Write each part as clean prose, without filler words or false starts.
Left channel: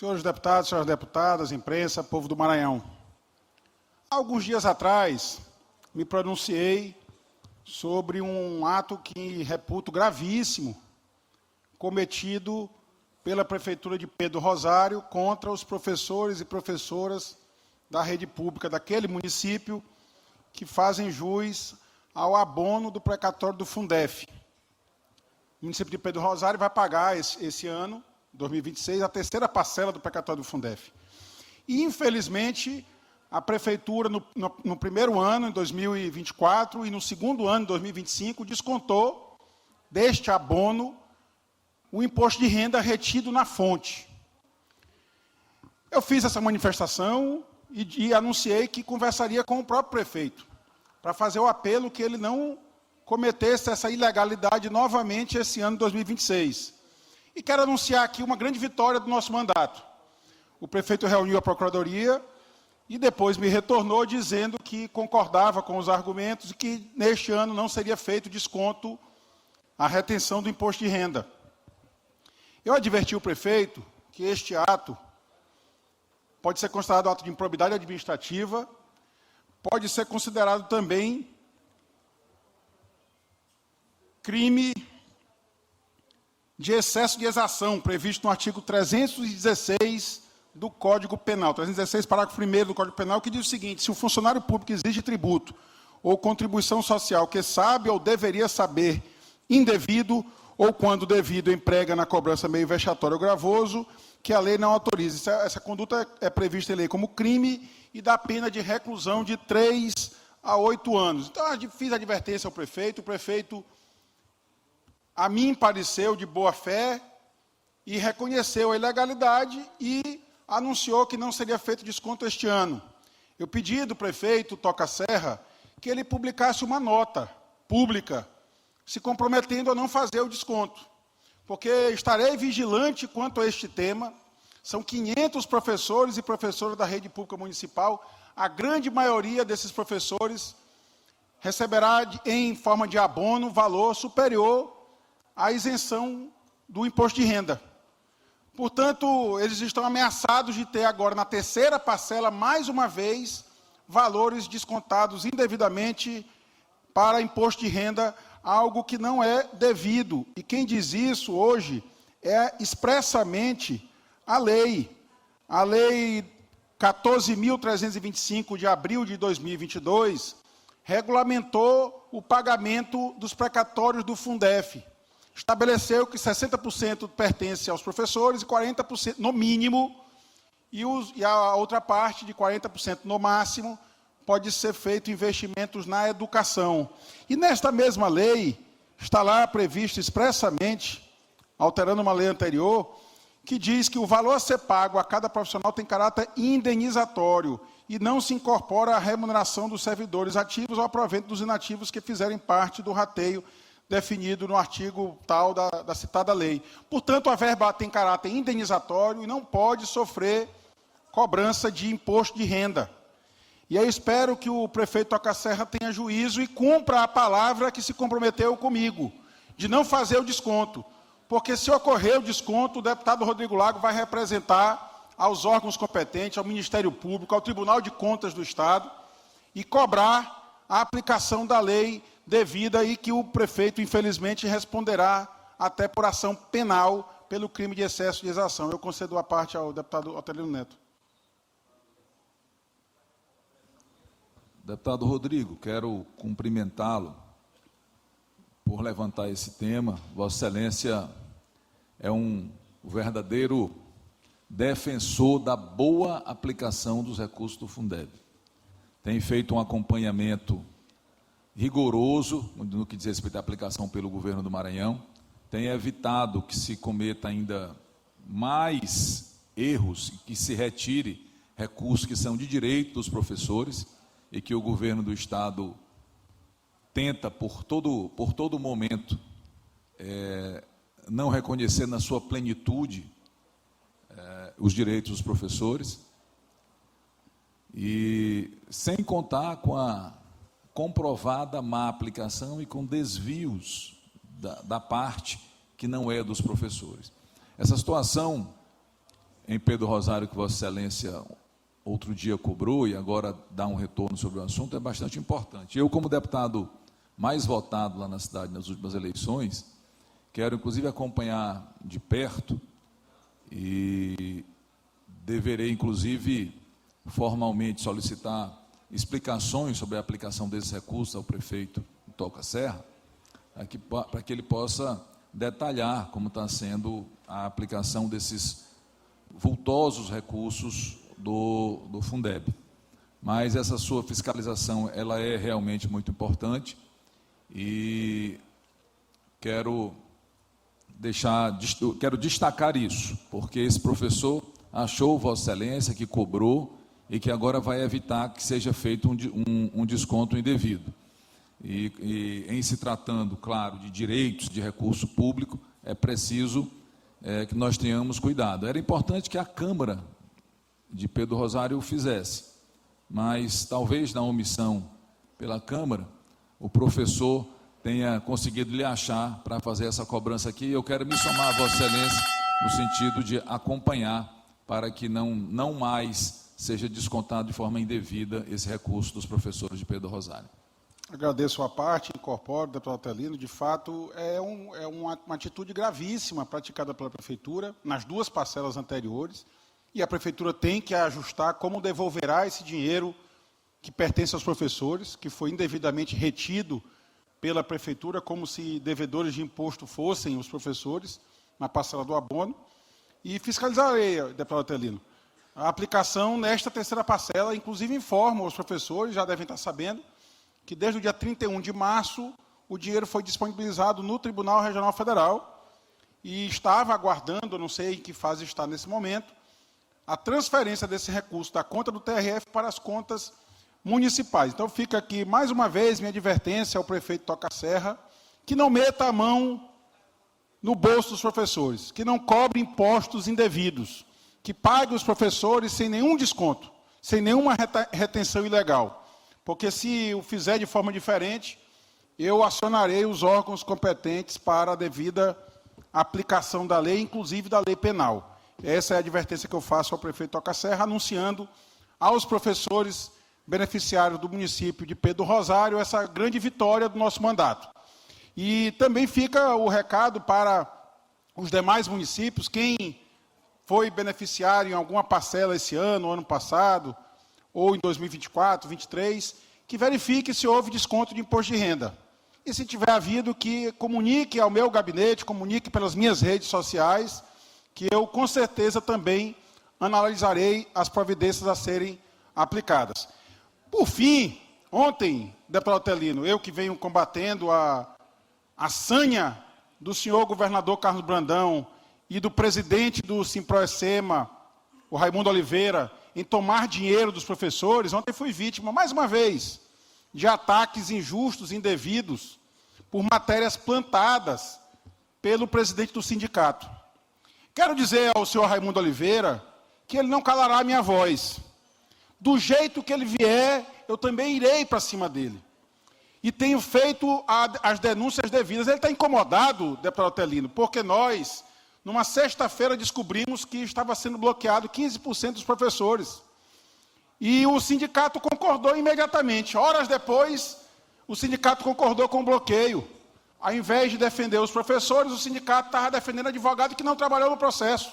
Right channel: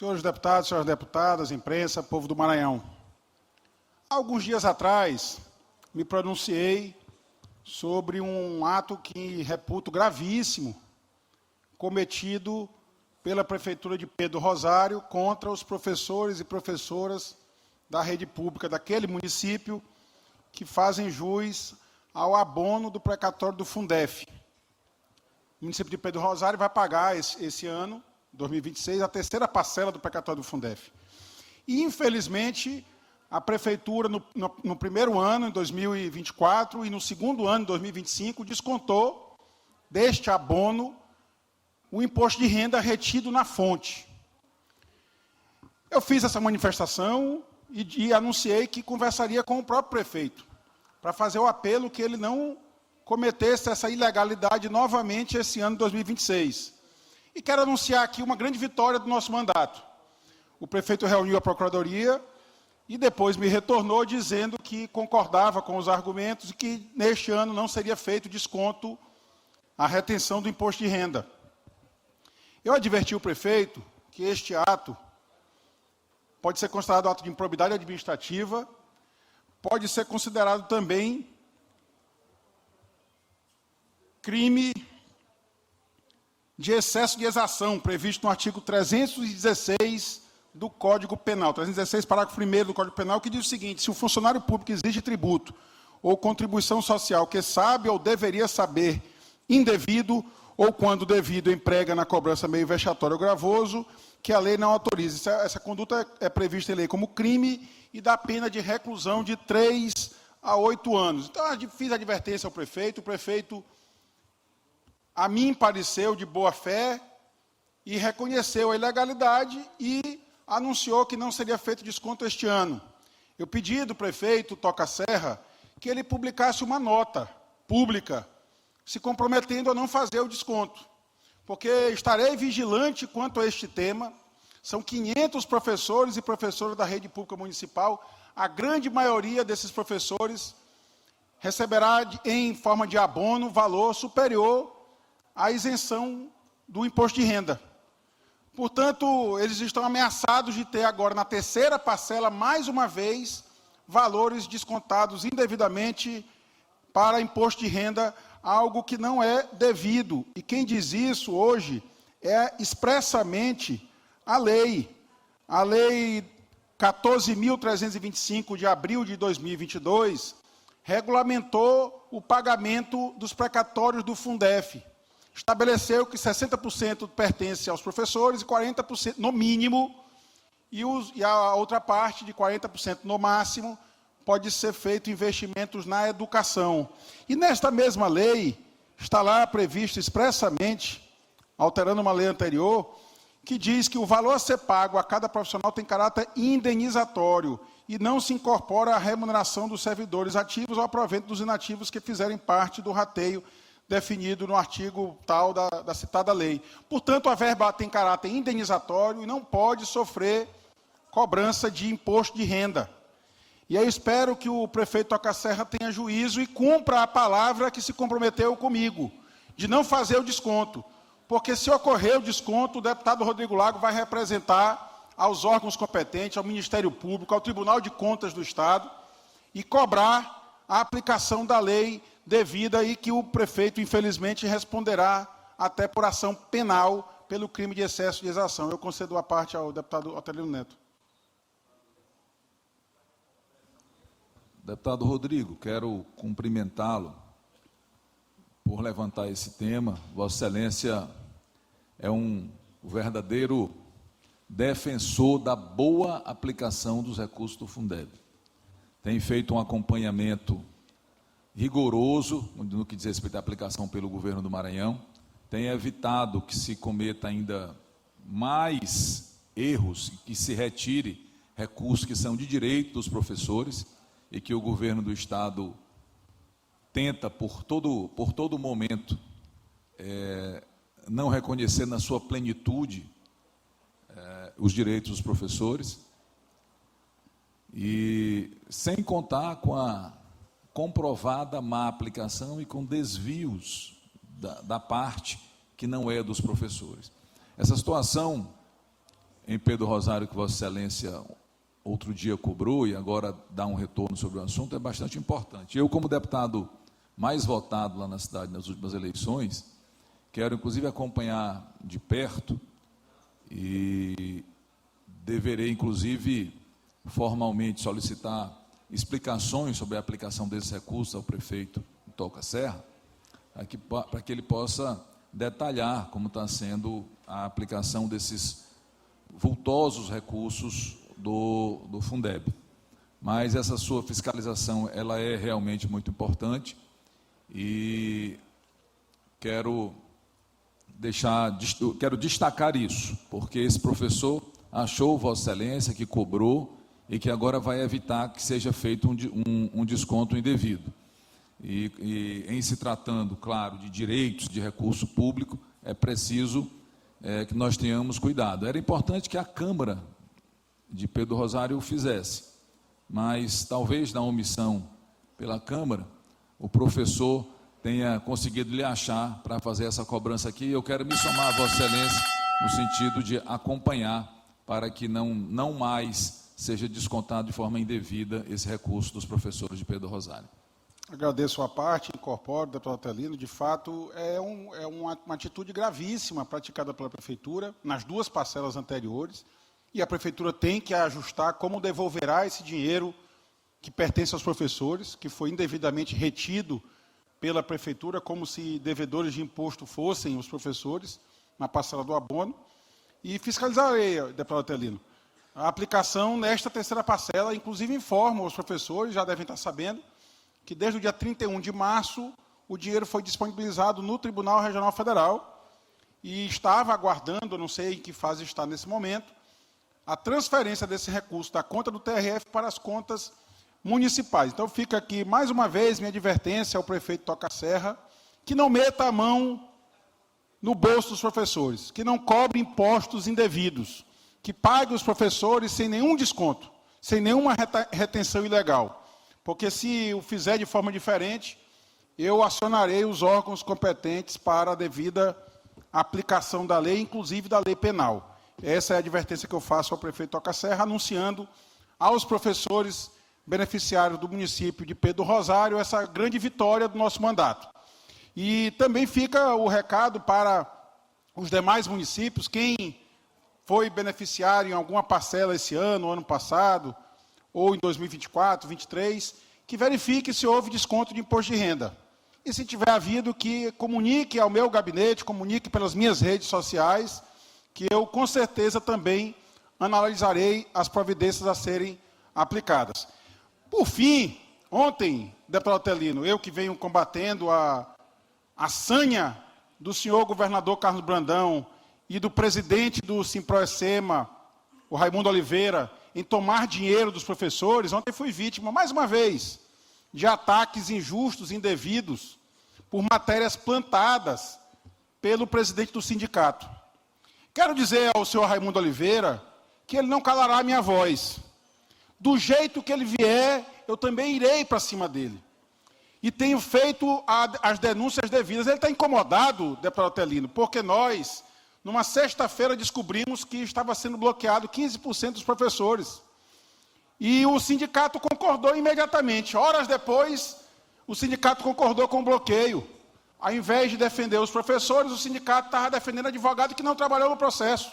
Senhores deputados, senhoras deputadas, imprensa, povo do Maranhão. Há alguns dias atrás, me pronunciei sobre um ato que reputo gravíssimo, cometido pela Prefeitura de Pedro Rosário contra os professores e professoras da rede pública daquele município que fazem jus ao abono do precatório do Fundef. O município de Pedro Rosário vai pagar esse ano, 2026, a terceira parcela do precatório do Fundef. E, infelizmente, a Prefeitura, no primeiro ano, em 2024, e no segundo ano, em 2025, descontou deste abono o imposto de renda retido na fonte. Eu fiz essa manifestação e anunciei que conversaria com o próprio prefeito, para fazer o apelo que ele não cometesse essa ilegalidade novamente esse ano de 2026. E quero anunciar aqui uma grande vitória do nosso mandato. O prefeito reuniu a Procuradoria e depois me retornou dizendo que concordava com os argumentos e que neste ano não seria feito desconto à retenção do imposto de renda. Eu adverti o prefeito que este ato pode ser considerado ato de improbidade administrativa, pode ser considerado também crime de excesso de exação, previsto no artigo 316 do Código Penal, 316, parágrafo 1º do Código Penal, que diz o seguinte: se o funcionário público exige tributo ou contribuição social que sabe ou deveria saber indevido ou, quando devido, emprega na cobrança meio vexatório ou gravoso, que a lei não autoriza. Essa conduta é prevista em lei como crime e dá pena de reclusão de 3 a 8 anos. Então, eu fiz advertência ao prefeito, o prefeito, a mim, pareceu de boa fé e reconheceu a ilegalidade e anunciou que não seria feito desconto este ano. Eu pedi do prefeito Toca Serra que ele publicasse uma nota pública se comprometendo a não fazer o desconto, porque estarei vigilante quanto a este tema. São 500 professores e professoras da rede pública municipal. A grande maioria desses professores receberá, em forma de abono, valor superior à isenção do imposto de renda. Portanto, eles estão ameaçados de ter agora, na terceira parcela, mais uma vez, valores descontados indevidamente para imposto de renda, algo que não é devido. E quem diz isso hoje é expressamente a lei 14.325 de abril de 2022, regulamentou o pagamento dos precatórios do Fundef. Estabeleceu que 60% pertence aos professores e 40% no mínimo, e a outra parte de 40% no máximo pode ser feito investimentos na educação. E nesta mesma lei está lá previsto expressamente, alterando uma lei anterior, que diz que o valor a ser pago a cada profissional tem caráter indenizatório e não se incorpora à remuneração dos servidores ativos ou ao provento dos inativos que fizerem parte do rateio definido no artigo tal da citada lei. Portanto, a verba tem caráter indenizatório e não pode sofrer cobrança de imposto de renda. E eu espero que o prefeito Toca Serra tenha juízo e cumpra a palavra que se comprometeu comigo, de não fazer o desconto. Porque se ocorrer o desconto, o deputado Rodrigo Lago vai representar aos órgãos competentes, ao Ministério Público, ao Tribunal de Contas do Estado, e cobrar a aplicação da lei devida e que o prefeito, infelizmente, responderá até por ação penal pelo crime de excesso de exação. Eu concedo a parte ao deputado Otelino Neto. Deputado Rodrigo, quero cumprimentá-lo por levantar esse tema. Vossa Excelência é um verdadeiro defensor da boa aplicação dos recursos do Fundeb. Tem feito um acompanhamento rigoroso no que diz respeito à aplicação pelo governo do Maranhão, tem evitado que se cometa ainda mais erros e que se retire recursos que são de direito dos professores e que o governo do Estado tenta, por todo momento, não reconhecer na sua plenitude os direitos dos professores, e sem contar com a comprovada má aplicação e com desvios da parte que não é dos professores. Essa situação em Pedro Rosário, que Vossa Excelência outro dia cobrou e agora dá um retorno sobre o assunto, é bastante importante. Eu, como deputado mais votado lá na cidade nas últimas eleições, quero inclusive acompanhar de perto e deverei inclusive formalmente solicitar explicações sobre a aplicação desses recursos ao prefeito Toca Serra, para que ele possa detalhar como está sendo a aplicação desses vultosos recursos do Fundeb. Mas essa sua fiscalização, ela é realmente muito importante e quero destacar isso, porque esse professor achou Vossa Excelência que cobrou e que agora vai evitar que seja feito um desconto indevido. E em se tratando, claro, de direitos de recurso público, é preciso que nós tenhamos cuidado. Era importante que a Câmara de Pedro Rosário o fizesse, mas talvez na omissão pela Câmara, o professor tenha conseguido lhe achar para fazer essa cobrança aqui. Eu quero me somar a Vossa Excelência no sentido de acompanhar para que não mais seja descontado de forma indevida esse recurso dos professores de Pedro Rosário. Agradeço a parte, incorporo, deputado Atelino. De fato, é uma atitude gravíssima praticada pela Prefeitura nas duas parcelas anteriores, e a Prefeitura tem que ajustar como devolverá esse dinheiro que pertence aos professores, que foi indevidamente retido pela Prefeitura, como se devedores de imposto fossem os professores, na parcela do abono, e fiscalizarei, deputado Atelino, a aplicação nesta terceira parcela. Inclusive informo os professores, já devem estar sabendo, que desde o dia 31 de março, o dinheiro foi disponibilizado no Tribunal Regional Federal e estava aguardando, não sei em que fase está nesse momento, a transferência desse recurso da conta do TRF para as contas municipais. Então, fica aqui, mais uma vez, minha advertência ao prefeito Toca Serra, que não meta a mão no bolso dos professores, que não cobre impostos indevidos, que pague os professores sem nenhum desconto, sem nenhuma retenção ilegal. Porque se o fizer de forma diferente, eu acionarei os órgãos competentes para a devida aplicação da lei, inclusive da lei penal. Essa é a advertência que eu faço ao prefeito Toca Serra, anunciando aos professores beneficiários do município de Pedro Rosário essa grande vitória do nosso mandato. E também fica o recado para os demais municípios, quem foi beneficiário em alguma parcela esse ano, ano passado, ou em 2024, 2023, que verifique se houve desconto de imposto de renda. E se tiver havido, que comunique ao meu gabinete, comunique pelas minhas redes sociais, que eu, com certeza, também analisarei as providências a serem aplicadas. Por fim, ontem, deputado Atelino, eu que venho combatendo a sanha do senhor governador Carlos Brandão e do presidente do Simproecema, o Raimundo Oliveira, em tomar dinheiro dos professores, ontem fui vítima, mais uma vez, de ataques injustos, indevidos, por matérias plantadas pelo presidente do sindicato. Quero dizer ao senhor Raimundo Oliveira que ele não calará a minha voz. Do jeito que ele vier, eu também irei para cima dele. E tenho feito as denúncias devidas. Ele está incomodado, deputado Atelino, porque nós, numa sexta-feira, descobrimos que estava sendo bloqueado 15% dos professores. E o sindicato concordou imediatamente. Horas depois, o sindicato concordou com o bloqueio. Ao invés de defender os professores, o sindicato estava defendendo advogado que não trabalhou no processo.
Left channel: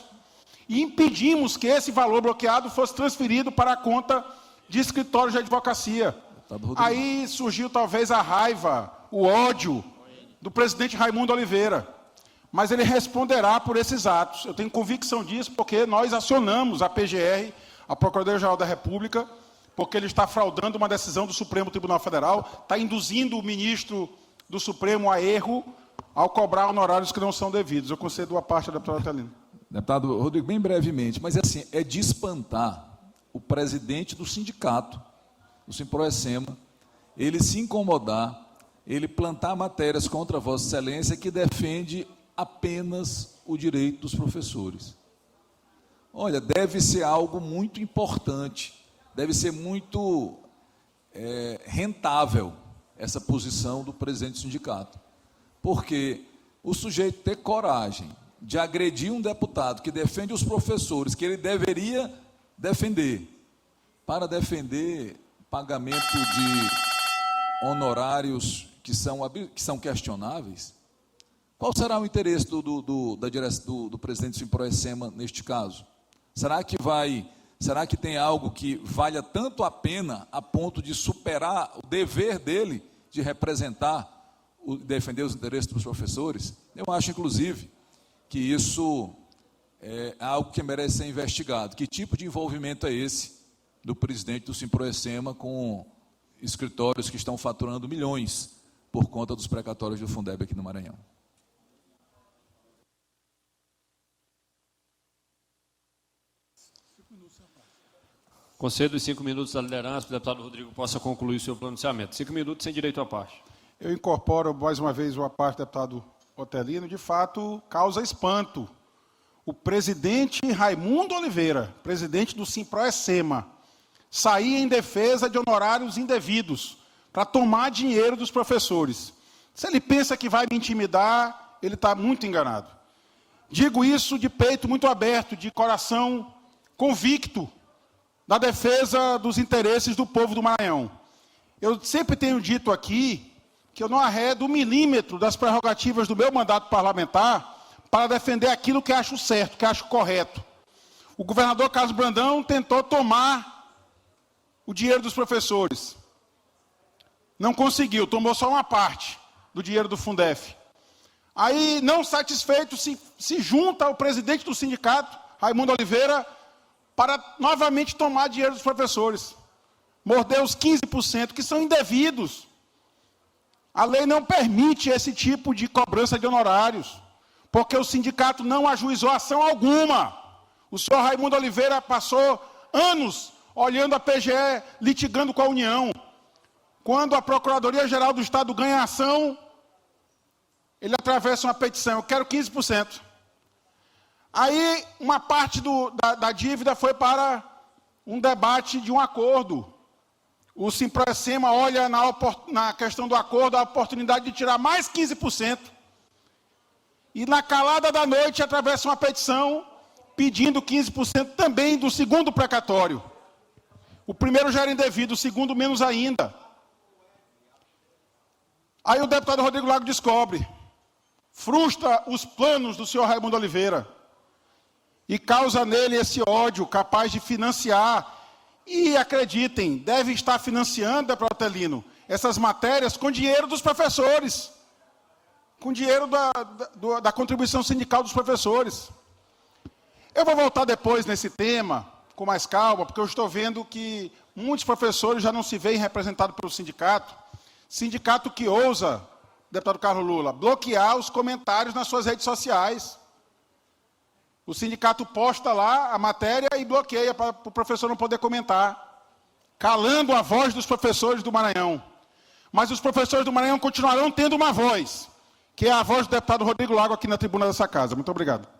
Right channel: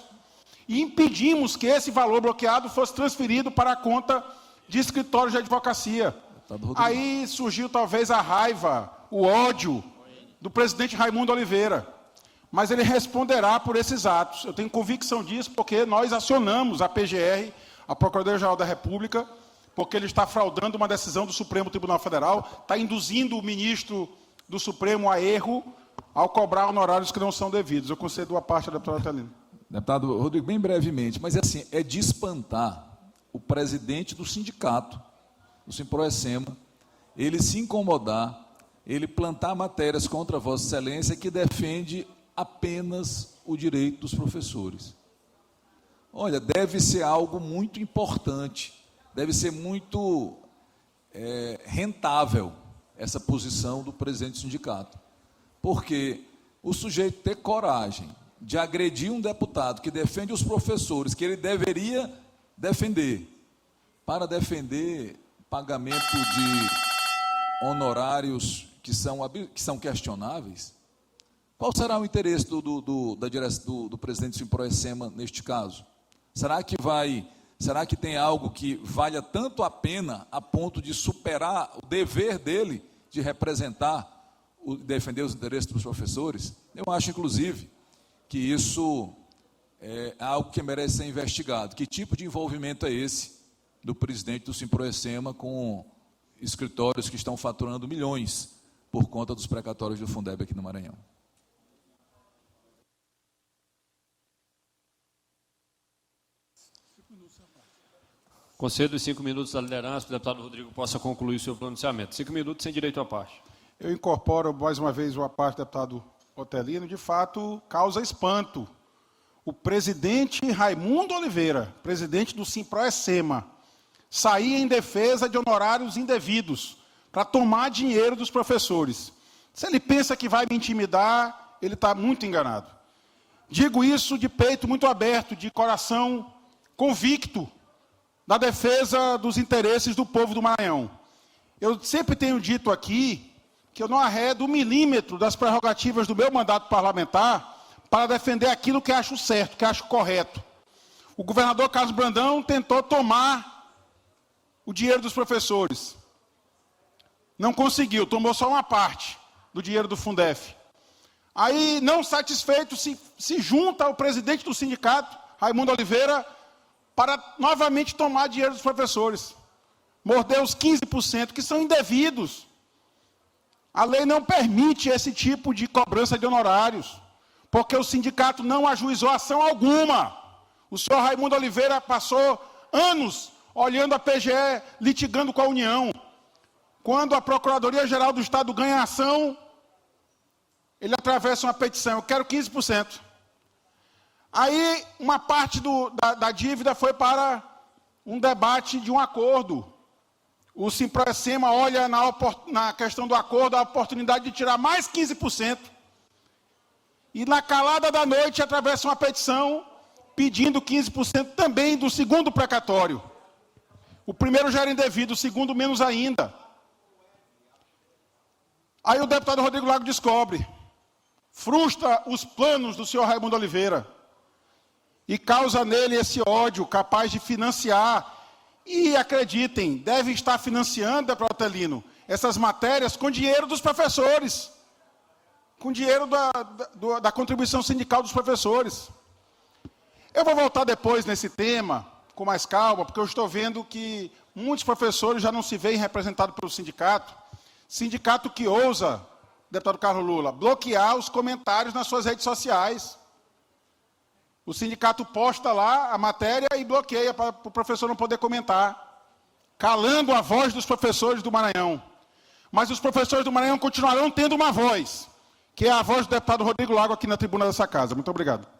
E impedimos que esse valor bloqueado fosse transferido para a conta de escritórios de advocacia. Aí surgiu talvez a raiva, o ódio do presidente Raimundo Oliveira. Mas ele responderá por esses atos. Eu tenho convicção disso, porque nós acionamos a PGR, a Procuradoria-Geral da República, porque ele está fraudando uma decisão do Supremo Tribunal Federal, está induzindo o ministro do Supremo a erro ao cobrar honorários que não são devidos. Eu concedo a parte da deputada Atelino. Deputado Rodrigo, bem brevemente, mas assim, é de espantar o presidente do sindicato, do Simproecema, ele se incomodar, ele plantar matérias contra Vossa Excelência que defende apenas o direito dos professores. Olha, deve ser algo muito importante, deve ser muito rentável essa posição do presidente do sindicato, porque o sujeito ter coragem de agredir um deputado que defende os professores, que ele deveria defender, para defender pagamento de honorários que são questionáveis, qual será o interesse do presidente do Simproecema neste caso? Será que tem algo que valha tanto a pena a ponto de superar o dever dele de representar, defender os interesses dos professores? Eu acho, inclusive, que isso é algo que merece ser investigado. Que tipo de envolvimento é esse do presidente do Simproecema com escritórios que estão faturando milhões por conta dos precatórios do Fundeb aqui no Maranhão? Concedo os 5 minutos da liderança, para o deputado Rodrigo possa concluir o seu pronunciamento. 5 minutos sem direito à parte. Eu incorporo mais uma vez a parte do deputado Otelino. De fato, causa espanto. O presidente Raimundo Oliveira, presidente do Simproecema, sair em defesa de honorários indevidos para tomar dinheiro dos professores. Se ele pensa que vai me intimidar, ele está muito enganado. Digo isso de peito muito aberto, de coração convicto, da defesa dos interesses do povo do Maranhão. Eu sempre tenho dito aqui que eu não arredo um milímetro das prerrogativas do meu mandato parlamentar para defender aquilo que acho certo, que acho correto. O governador Carlos Brandão tentou tomar o dinheiro dos professores. Não conseguiu, tomou só uma parte do dinheiro do Fundef. Aí, não satisfeito, se junta ao presidente do sindicato, Raimundo Oliveira, para novamente tomar dinheiro dos professores. Mordeu os 15%, que são indevidos. A lei não permite esse tipo de cobrança de honorários, porque o sindicato não ajuizou ação alguma. O senhor Raimundo Oliveira passou anos olhando a PGE, litigando com a União. Quando a Procuradoria-Geral do Estado ganha ação, ele atravessa uma petição, eu quero 15%. Aí, uma parte da dívida foi para um debate de um acordo. O Simproecema olha na questão do acordo a oportunidade de tirar mais 15%. E na calada da noite atravessa uma petição pedindo 15% também do segundo precatório. O primeiro já era indevido, o segundo menos ainda. Aí o deputado Rodrigo Lago descobre, frustra os planos do senhor Raimundo Oliveira e causa nele esse ódio capaz de financiar. E acreditem, deve estar financiando, deputado Otelino, essas matérias com dinheiro dos professores, com dinheiro da contribuição sindical dos professores. Eu vou voltar depois nesse tema, com mais calma, porque eu estou vendo que muitos professores já não se veem representados pelo sindicato. Sindicato que ousa, deputado Carlos Lula, bloquear os comentários nas suas redes sociais. O sindicato posta lá a matéria e bloqueia para o professor não poder comentar, calando a voz dos professores do Maranhão. Mas os professores do Maranhão continuarão tendo uma voz, que é a voz do deputado Rodrigo Lago aqui na tribuna dessa casa. Muito obrigado.